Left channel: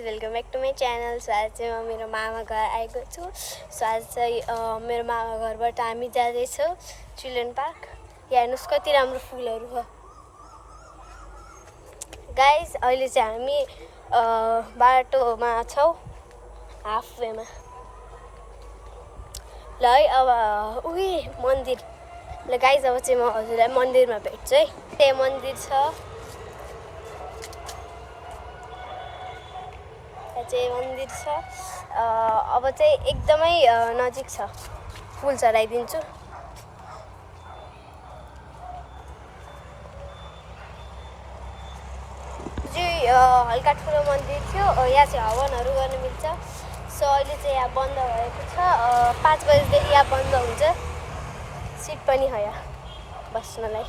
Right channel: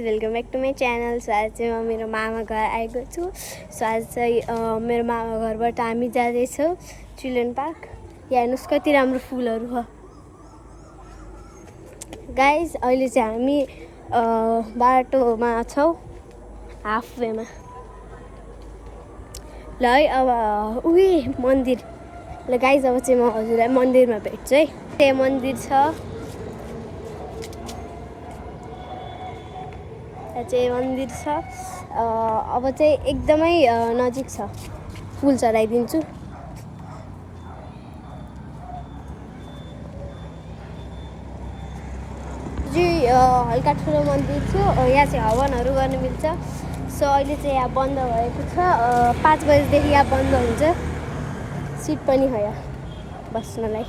Welcome back to my channel. So आज चाहिँ म मेरो मामा घर आएको छु। सो आज चाहिँ मेरो मामा घरबाट हामी जाँदैछौँ चिल्ड्रेन पार्क। यहाँ हेर्नुहोस् कति राम्रो फुलहरू छ गाइज। अहिले चाहिँ हामी बाटोमा छौँ, हाफवेमा। ल है अब उही मन्दिर। ल गाइज अब चाहिँ म हजुरलाई मन्दिरमा भेट्छु है। त्यहाँ मन्दिर छ, चाहिँ मन्दिर छ। अब चाहिँ एकदमै नजिक छ, फुल चढाइदिन्छु। जी हल्का ठुलो मन्दिर थियो, यहाँ चाहिँ हवनहरू गर्न मिल्छ। सो अहिले चाहिँ यहाँ बन्द भएको छ, 5 बजीदेखि यहाँ बन्द हुन्छ। सिट पनि हो यहाँ बस्नलाई।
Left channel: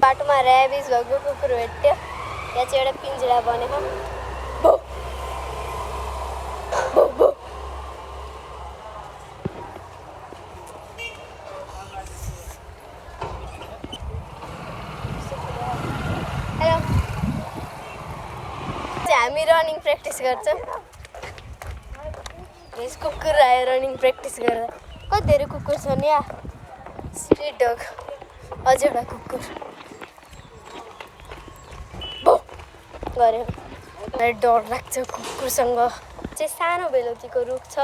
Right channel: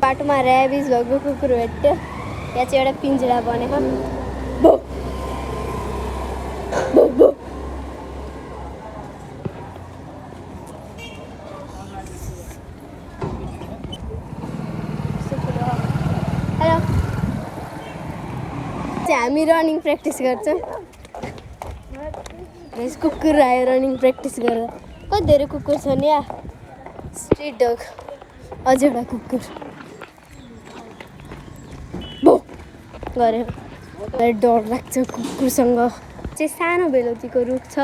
बाटोमा ऱ्याबिज भएको कुकुर भेट्यो। यहाँ चाहिँ एउटा पिन्जरा बनेको। बो बो बो। हेलो, हामी रनिङ प्र्याक्टिस गर्छौँ। कुकुर आयो रनिङ प्र्याक्टिस गर्दा। कति धेरै कुकुर छ नि यहाँ। स्ट्रिट डग, अझै एउटा कुकुर गऱ्यो। डर लाग्छ कुकुरसँग। चाहिँ सानो बेलौतीको रुख छ।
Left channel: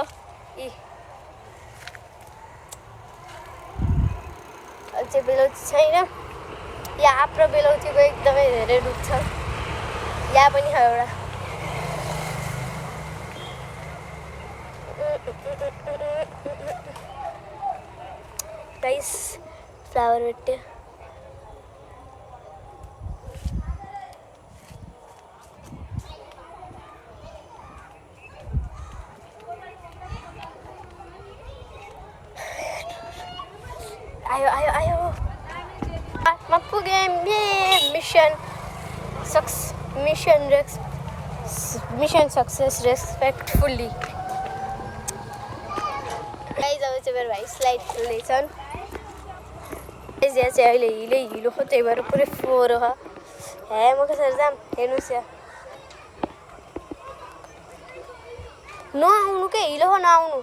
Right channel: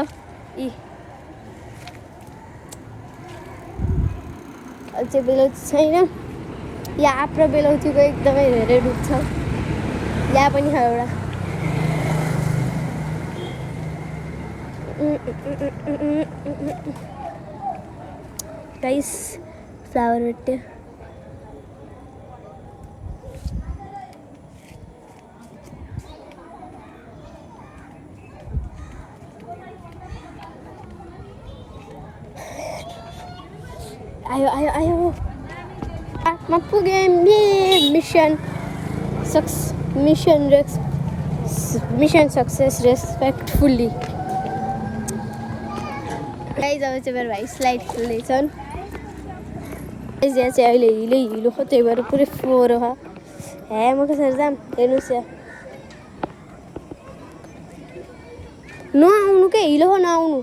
चाहिँ बेलौती छैन यहाँ। आफ्नो बेलौतीको एकदमै धेरै रुख छ। यहाँ पनि छ एउटा। गाइस फ्लावर भेट्यो। आयो आयो आयो, म पुगेँ। Mission success respectfully. गाइज अब चाहिँ मेरो भाइ स्लाइड खेल्दैछन्। गाइज यहाँ चाहिँ अहिले हिलो हो, त्यही भएर पुरै फोहोर हो। हे म कसरी जाम हेर्नुहोस् यहाँ। नआउनु के, हिलो हो नआउनु।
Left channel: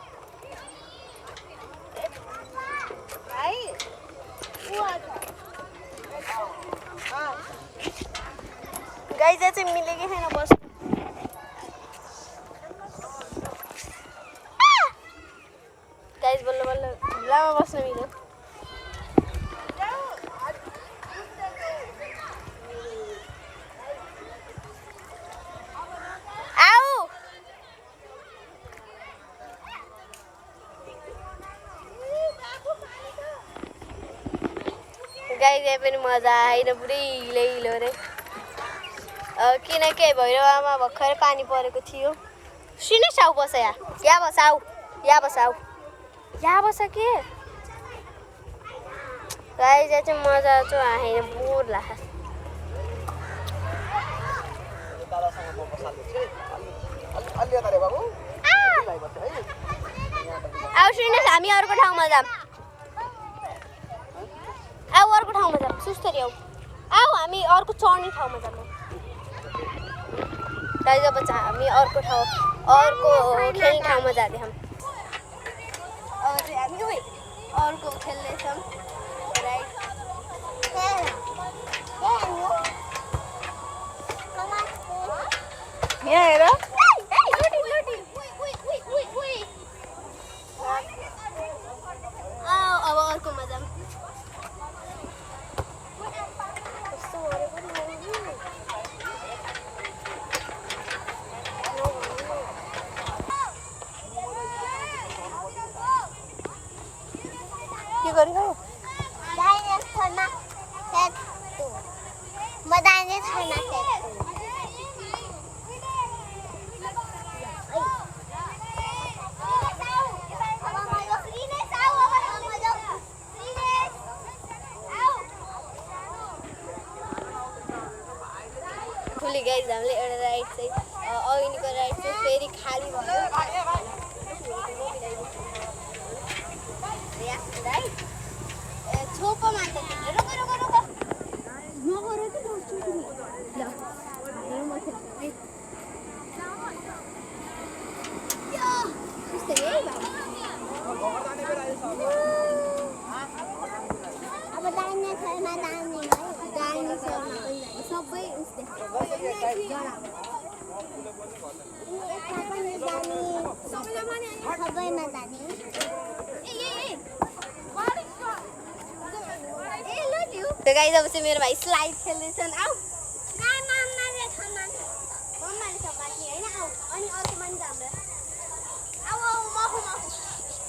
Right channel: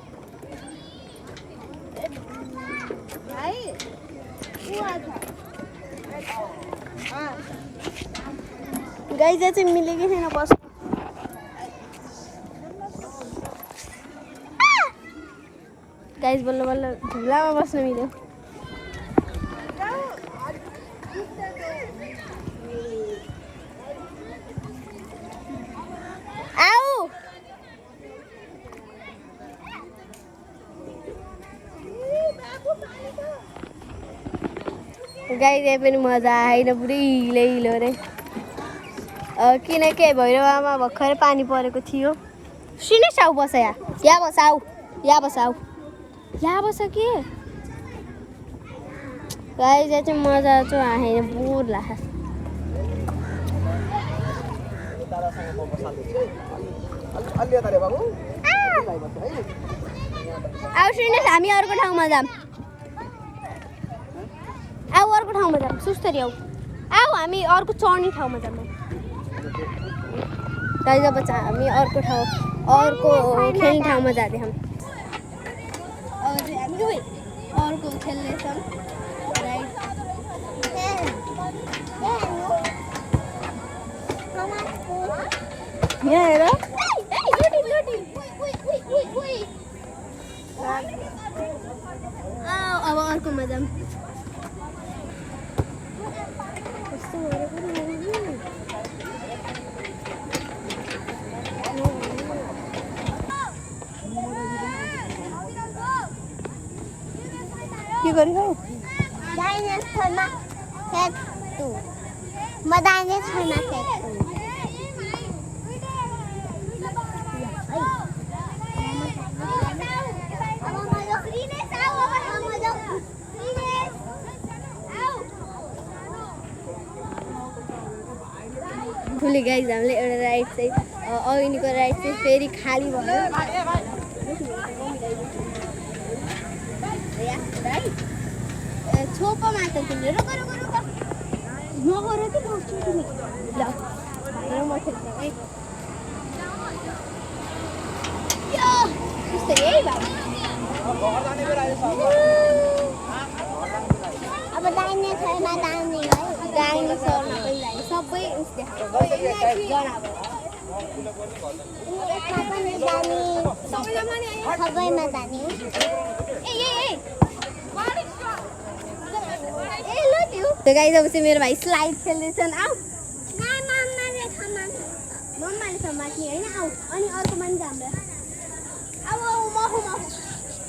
गाइज यहाँ चाहिँ मिलेकै छैन बस्नु। गाइज बल्ल बल्ल झुलामा बस्न मिल्यो। आऊ गाइज यहाँ पनि मजा आएन, पुरै हिलो रे। किनकि भैरवामा भर्खरै पानी परेको थियो। सुनेस् आऊ बस यहाँ बस आऊ, यहाँ बस आऊ, यहाँ बस के। गाइज यहाँ चाहिँ मजा चाहिँ आएन, बोर लाग्छ। आऊ सुनेस् हामी अर्को ठाउँमा जाऊँ। आऊ अर्को ठाउँमा जाऊँ, सुस्तरी आऊ। आऊ हामी अर्को चढ्ने ठाउँमा जाऊँ। गाइज अब चाहिँ हामी अर्को खेल्ने ठाउँमा जाँदैछौँ। हामी अर्को खेल्दैछौँ। यहाँ हेर, अब अर्कोमा जाऊँ। के गरिरहेको? दाहिने छोरमा फ्याक्टु, म दाहिने छोरमा फ्याक्टु। फुली गाइज हामीले एउटा राइड चाहिँ अघिको राइड चाहिँ फेरि खाली भयो। छोपोमा त तिमीले रोक रोक रोक नगर कि रोक्छु तिमी ल भनेर म खेल्छु है यो त्यस्तै है भाइ अब डाइनेसरमा जाने है डाइनोसरमा पनि जाने सबै जनावर यसमा पनि जाने सबैमा जाने त्यो गाइस अब चाहिँ मेरो भाइ स्लाइड खेल्दैछन् आऊ मम्माले समात्ने होइन आऊ अनि अर्को मान्छे हाम्रो आऊ आऊ मखु मखु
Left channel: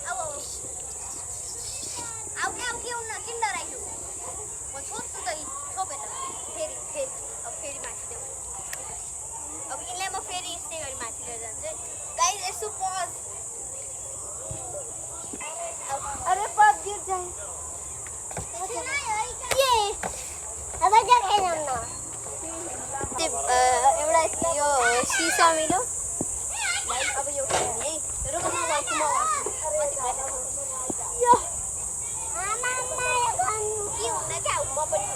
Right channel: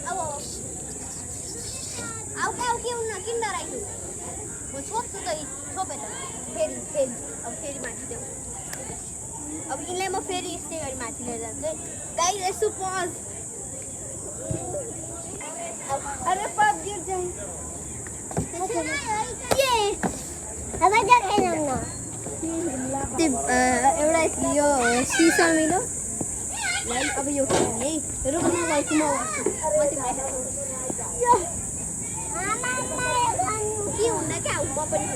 आऊ आऊ आऊ के हुन्न किन डराइछु म छोप्छु त छोपेर फेरि अब फेरि माथि देऊ अब यिनलाई म फेरि यस्तै गरी माथि लिएर जान्छु गाइस यसो पज अरे पज गिर एउटा यो सिसा मिलो अब यो खेल्ने है रुख नगर्छु म के हुँदा क्या म पनि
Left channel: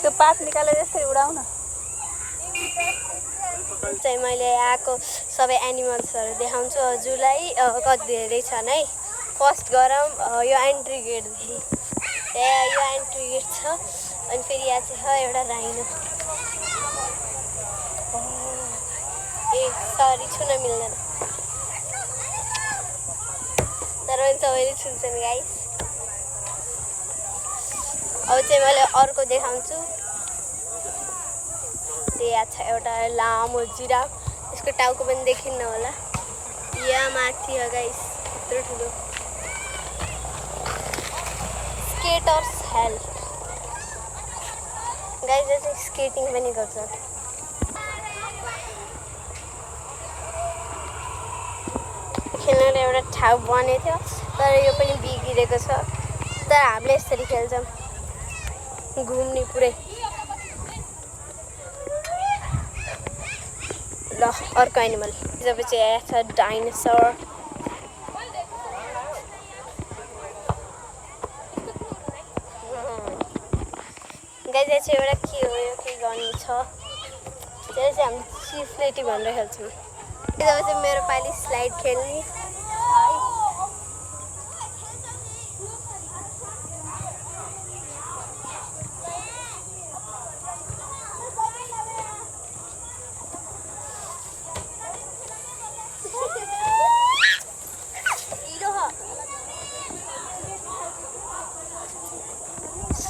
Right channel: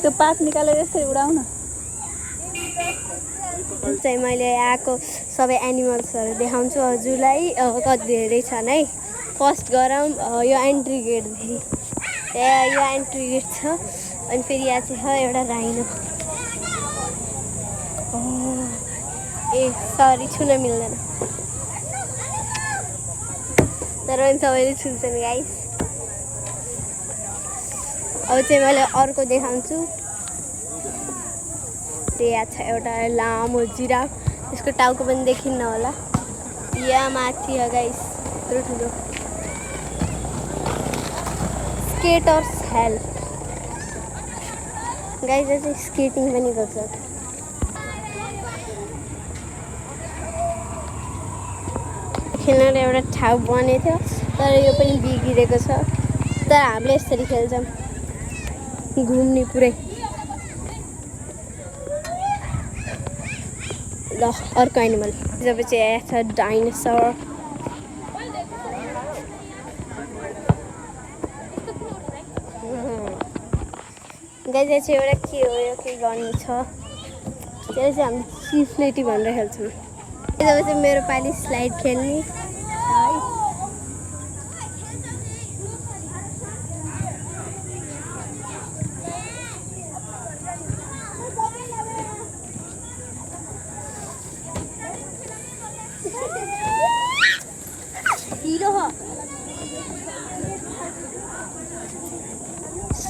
त्यो पात निकालेर यसरी उडाउन चाहिँ मैले आएको सबै एनिमल्सहरू देखाउँछु हजुरलाई कति धेरै छन् है फर्स्ट गरौँ यो एन्ट्री गेटदेखि यो एन्ट्री गेट छ अनि फेरि यहाँ चाहिँ छ एउटा राइनो ए सरी छुन मिल्दैन तर पनि सबैले छुन्छन् गाइस अब चाहिँ मैले अर्को देखाउँछु यहाँ छ एउटा लामो जिराफ यसको टाउको पनि देखिन्न होला यहाँ माथि हो गाइस ठुलो स्केटर्स हेल्प गाइस चाहिँ स्केटिङ पनि गर्छ खेल्न एउटा ठाउँ बनेको थियो तर यो पनि बिग्रेको छ तर हामीले यसरी खेल्छौँ घुम्ने पुरै ल अर्को एनिमल जब चाहिँ आएको छ डाइनोसर गाइस चाहिँ एउटा के हो यो के गर्नु छ त्यसलाई चाहिँ हामी सिफ्लेटी भनेर खेल्छौँ जब चाहिँ मेरो पालि स्लाइड खेल्ने है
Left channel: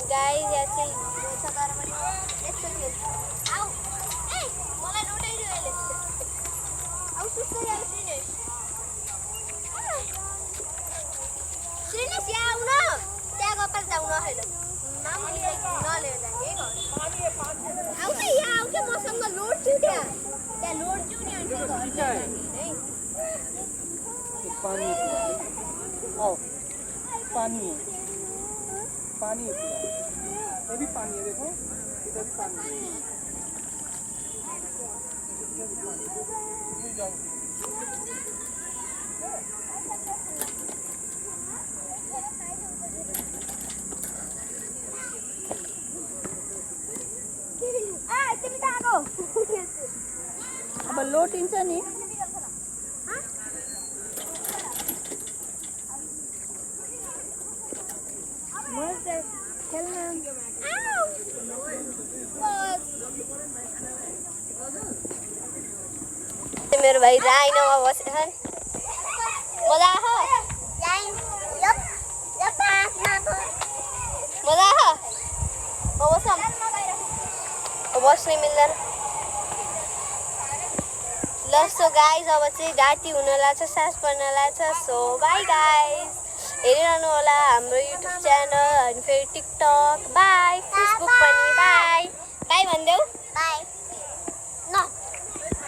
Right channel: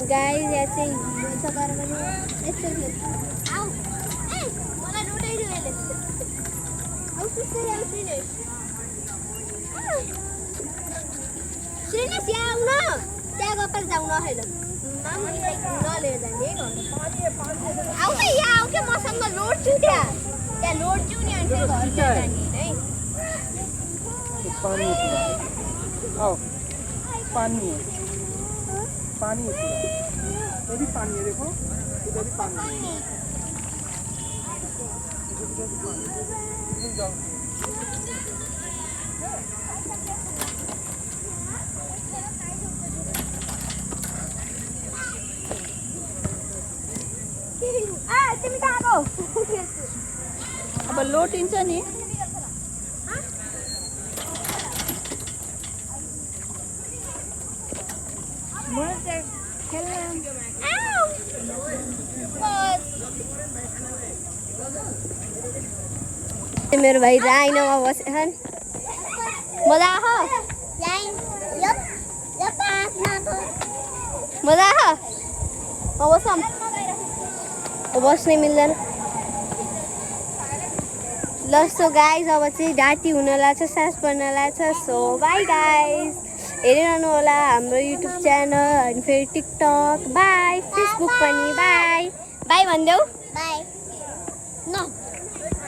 गाइस यहाँ चाहिँ हिरो छ तर पनि यसरी आऊ ए मलाई लुटाइदियो यसले आऊ सुस्केरी आऊ श्रीनेश यहाँ आउन त्यहाँ गएर जाउँ न होइन मामुनीलाई नलिएर जाने है आऊ न यहाँ आऊ क्या मसँग लोड्छु त्यहाँ लोड्छु नि अनि फेरि घर जाने है पानी है पानी है पूरा ये भी पानी है देखो इधर भी पानी है तिमी कहाँ गौ अब लोटिन्छ नि मेरो भाइ राइनोमा बसेछन् मजा आयो मजा आयो बसौँ बस्नै मिल्दैन ल सो गाइस अब चाहिँ राति हुन लाग्छ साँझ पर्न लाग्छ सो बाई गाइस हेरिरहनु होला हाम्रो युट्युब च्यानल अनि फेरि टिकटक बाई फेसबुक पनि बाई बाई भनिदेऊ बाई न